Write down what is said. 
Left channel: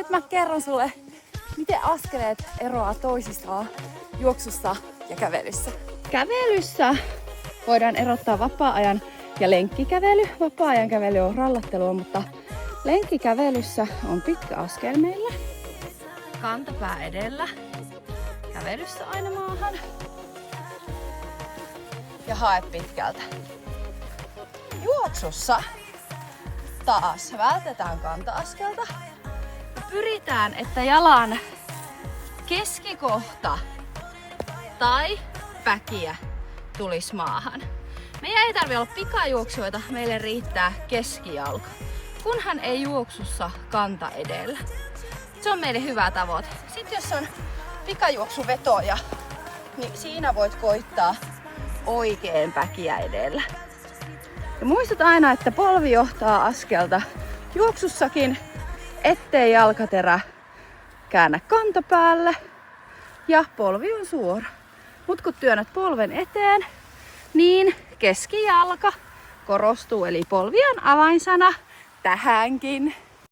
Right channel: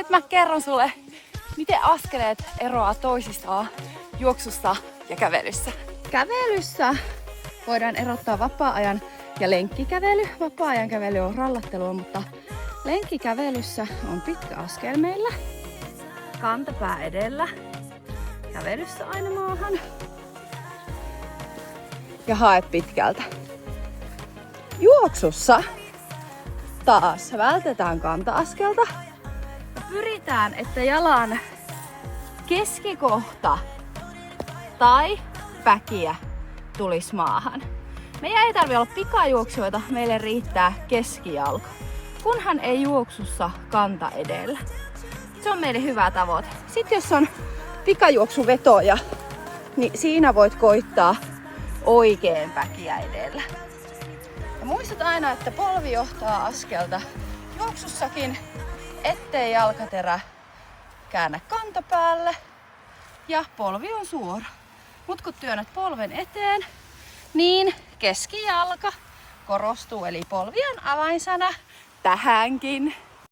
Nyt mä kerron sulle, miten askeleet eroaa toisistaan juoksussa ja kävelyssä. Kävelyssä voidaan erottaa vapaa-ajan ja lenkkikävely. Vapaa-ajan kävely on rallattelua, mutta lenkkikävelyssä on pitkä askel meillä. Kantapää edellä. Kävelyssä aina maahan. Ja hae pitkältä. Juoksussa taas vältetään kanta-askelta. Ja pyritään, että jalan keskikohta tai päkiä tulisi maahan. Meidän ei tarvitse olla pikajuoksijoita, meille riittää keskijalka. Kunhan ei juoksussa kanta edellä. Se on meille hyvä tavoite. Sitten jos on pikajuoksuvetoja, niin siinä voit koittaa oikein päkiä edellä. Ja muistat aina, että polvi johtaa askelta juoksussakin, ettei jalkaterä käännä kantapäälle ja polvi on suora. Mut kun työnnät polven eteen, niin keskijalka korostuu, eli polvi on avainsana tähänkin.